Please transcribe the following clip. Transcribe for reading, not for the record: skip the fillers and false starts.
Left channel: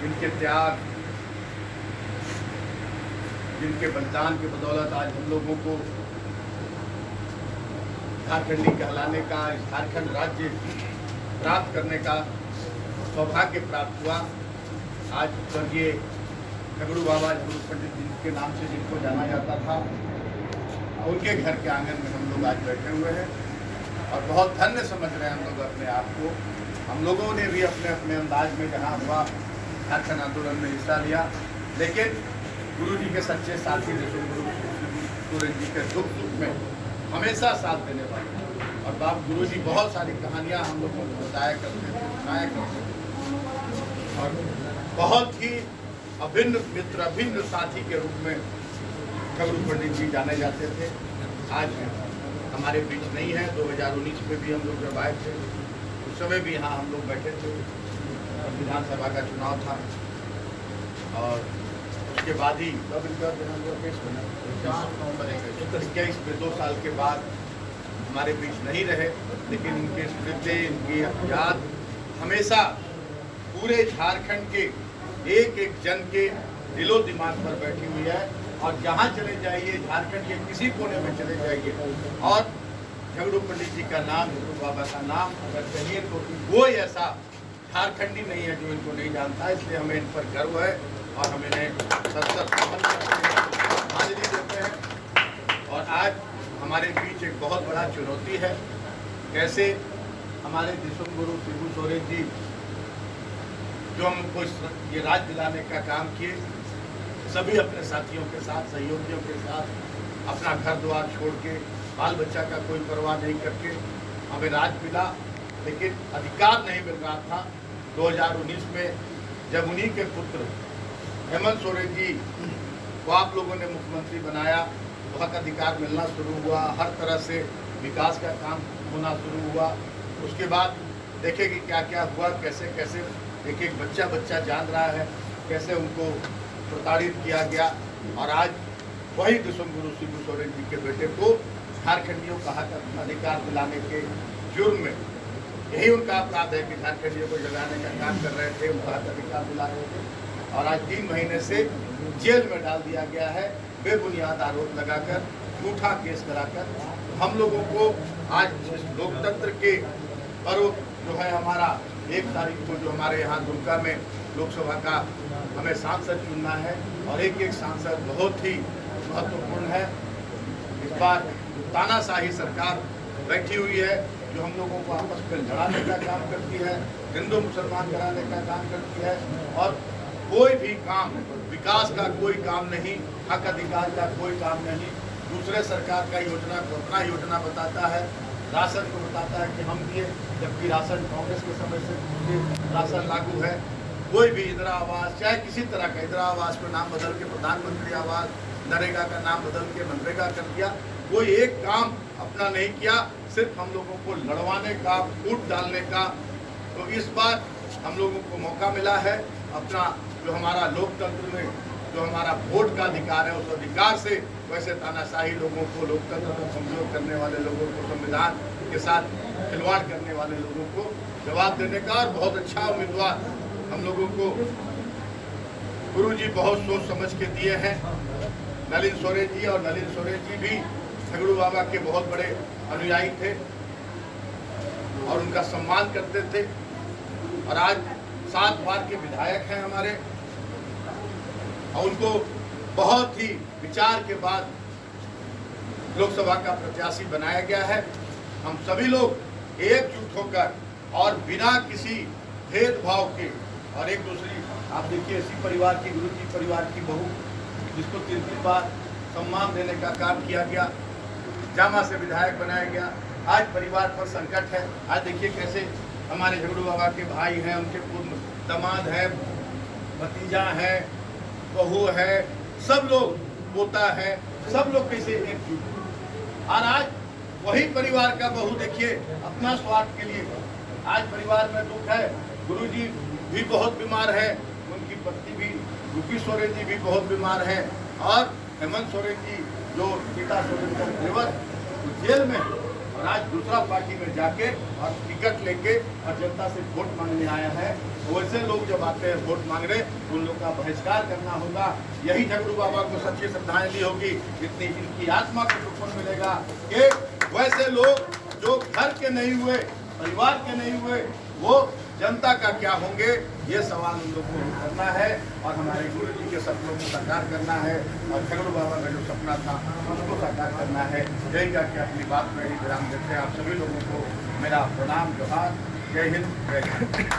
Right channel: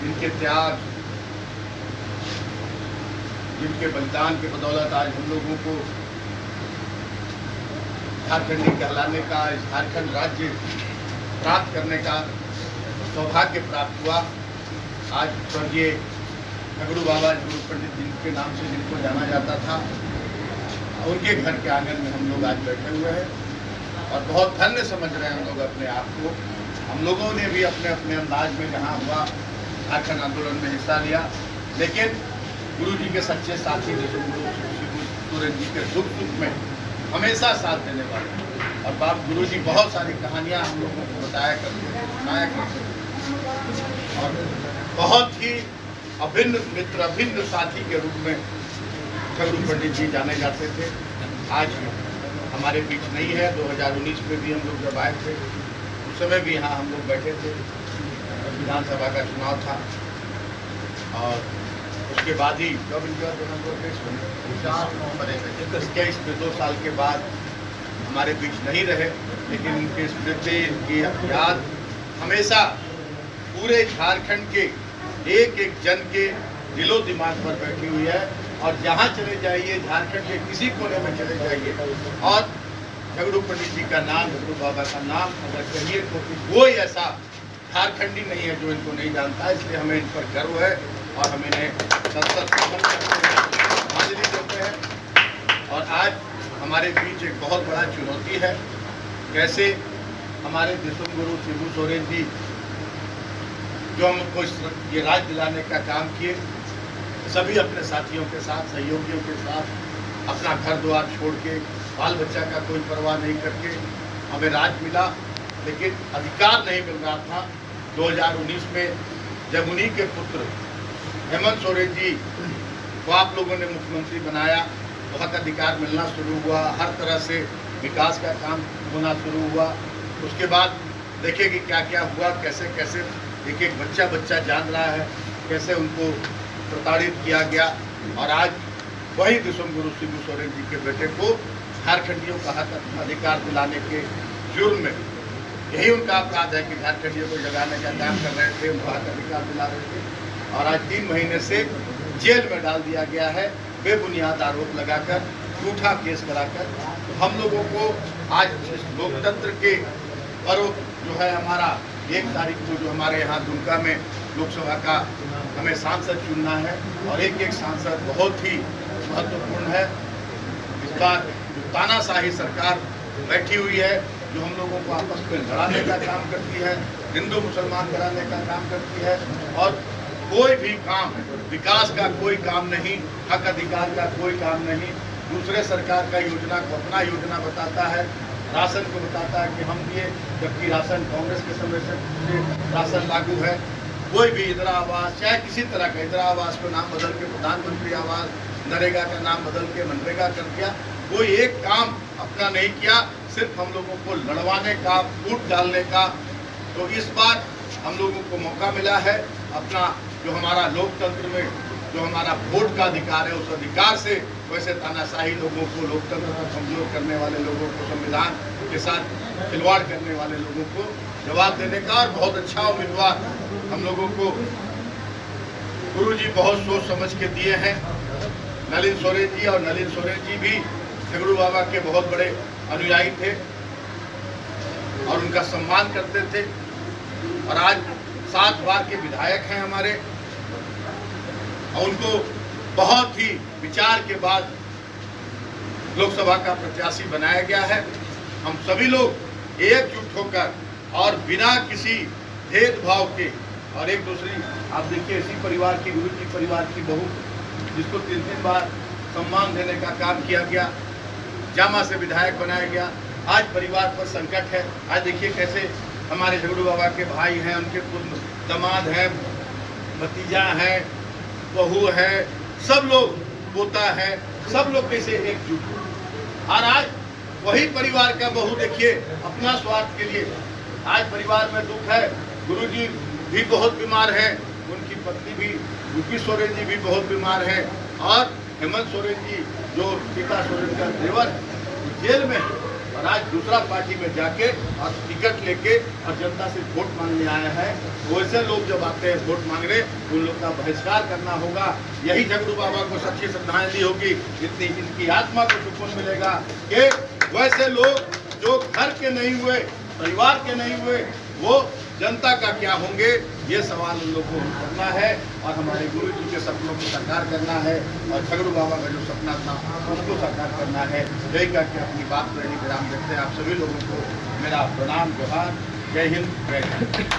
जिनके त्याग, जिनके बलिदान के बदौलत आज हम लोगों को झारखंडी कहलाने का, झारखंड राज्य प्राप्त करने का सौभाग्य प्राप्त हुआ। आज स्वर्गीय झगड़ू बाबा, झगड़ू पंडित जिनके नाम से जिनको जाना जाता था, उनके घर के आंगन में हम लोग आज बैठे हुए हैं और बहुत धन्य समझ रहे हैं हम लोग अपने आप को। हम लोगों ने भी अपने अपने अंदाज में जहाँ हुआ झारखंड आंदोलन में हिस्सा लिया, लेकिन गुरु जी के सच्चे साथी जैसे गुरु सोरेन जी के दुख सुख में हमेशा साथ देने वाले और बाप गुरु जी बहुत सारी कहानियाँ हम लोगों को बताया करते और बहुत ही अभिन्न मित्र, अभिन्न साथी के रूप में झगड़ू पंडित जी जाने जाते थे। आज हमारे बीच नहीं है। 2019 में भी हम लोग जब आए थे उस समय भी यहाँ हम लोग बैठे थे, विधानसभा का चुनाव था और उसके बाद ही जब इनका 4 नवंबर 21 में 2 साल के बाद हमारे बीच नहीं रहे, लेकिन उनके स्मृति, इनकी याद हमेशा पूरे झारखंड के एक एक जन के दिलो दिमाग पर बैठी हुई है और जहाँ चले जाइए, झारखंड के किसी कोने में चले जाइए और झगड़ू पंडित जी का नाम, झगड़ू बाबा का नाम अगर कहिए तो कोई ऐसा झारखंडी नहीं है जो इनको नहीं जानता है। इसलिए हमें इन पर गर्व है और हम इन्हें सतत हाजिरी देते हैं। और आज हमारे बीच एक बहुत बड़ा चुनौती है, कैसे हमारे दिसुम गुरु शिबू सोरेन जी जो हमको ये राज दिलाने का काम किए, सभी अपने साथियों के साथ, सहयोगियों के साथ अपना घर द्वार छोड़ के, बाल बच्चा का कोई परवाह नहीं करके हमें राज मिला, लेकिन अधिकार नहीं मिल रहा था। 2019 में जब उन्हीं के पुत्र हेमंत सोरेन जी को आप लोगों ने मुख्यमंत्री बनाया, बहुत अधिकार मिलना शुरू हुआ, हर तरह से विकास का काम होना शुरू हुआ। उसके बाद देखें कि क्या क्या हुआ, कैसे कैसे एक एक बच्चा जान रहा है, कैसे उनको प्रताड़ित किया गया और आज वही दिसुम गुरु शिबू सोरेन जी के बेटे को झारखंडियों का हक अधिकार दिलाने के जुर्म में, यही उनका अपराध है कि झारखंडियों को जगाने का काम कर रहे थे, उनका हक अधिकार दिला रहे थे और आज 3 महीने से जेल में डाल दिया गया है, बेबुनियाद आरोप लगाकर, झूठा केस कराकर। हम लोगों को आज इस लोकतंत्र के पर्व जो है हमारा 1 तारीख को जो हमारे यहाँ दुमका में लोकसभा का हमें सांसद चुनना है और एक एक सांसद बहुत ही महत्वपूर्ण है। इस बार तानाशाही सरकार बैठी हुई है जो हम लोगों को आपस में लड़ाने का काम करती है, हिंदू मुसलमान कराने का काम करती है और कोई भी काम, विकास का कोई काम नहीं, हक अधिकार का कोई काम नहीं। दूसरे सरकार का योजना को अपना योजना बताता है, राशन को बताता है कि हम दिए, जबकि राशन कांग्रेस के समय से राशन लागू है। कोई भी इंदिरा आवास, चाहे किसी तरह का, इंदिरा आवास को नाम बदल के प्रधानमंत्री आवास, नरेगा का नाम बदल के मनरेगा कर दिया, कोई एक काम अपना नहीं किया, सिर्फ हम लोगों को लड़वाने का, फूट डालने का। तो इस बार हम लोगों को मौका मिला है अपना जो हमारा लोकतंत्र में जो हमारा वोट का अधिकार है, उस अधिकार से वैसे तानाशाही लोगों को, लोकतंत्र को कमजोर करने वाले लोगों को, संविधान के साथ खिलवाड़ करने वाले लोगों को जवाब देने का। और बहुत अच्छा उम्मीदवार हम लोगों को गुरु जी बहुत सोच समझ के दिए हैं, नलिन सोरेन जी। और नलिन सोरेन जी भी झगड़ू बाबा के बहुत बड़े अनुयायी थे और उनका सम्मान करते थे और आज 7 बार के विधायक हैं हमारे और उनको बहुत ही विचार के बाद लोकसभा का प्रत्याशी बनाया गया है। हम सभी लोग एकजुट होकर और बिना किसी भेदभाव के, और एक दूसरी, आप देखिए इसी परिवार की, गुरु जी परिवार की बहू जिसको 3 बार सम्मान देने का काम किया गया, जामा से विधायक बनाया गया, आज परिवार पर संकट है। आज देखिए कैसे हमारे झगड़ू बाबा के भाई हैं, उनके पुत्र दामाद हैं, भतीजा है, बहू है, सब लोग, पोता है, सब लोग कैसे एकजुट। और आज वही परिवार का बहू देखिए अपना स्वार्थ के लिए, आज परिवार में दुख है, गुरुजी भी बहुत बीमार है, उनकी पत्नी भी रूपी सोरेन जी भी बहुत बीमार है और हेमंत सोरेन जी जो पिता सोरेन का देवर जेल में, और आज दूसरा पार्टी में जाके और टिकट लेके और जनता से वोट मांगने आया है। वैसे लोग जब आते हैं वोट मांगने, उन लोग का बहिष्कार करना होगा। यही झगड़ू बाबा को सच्ची श्रद्धांजलि होगी, इतनी इनकी आत्मा को सुकून मिलेगा कि वैसे लोग जो घर के नहीं हुए, परिवार के नहीं हुए, वो जनता का क्या होंगे, ये सवाल उन लोगों को करना है और हमारे गुरु जी के सपनों को साकार करना है और झगड़ू बाबा का जो सपना था उसको साकार करना है। यही करके अपनी बात पर विराम देते हैं। आप सभी लोगों को मेरा प्रणाम, जोहार, जय हिंद, जय भारत।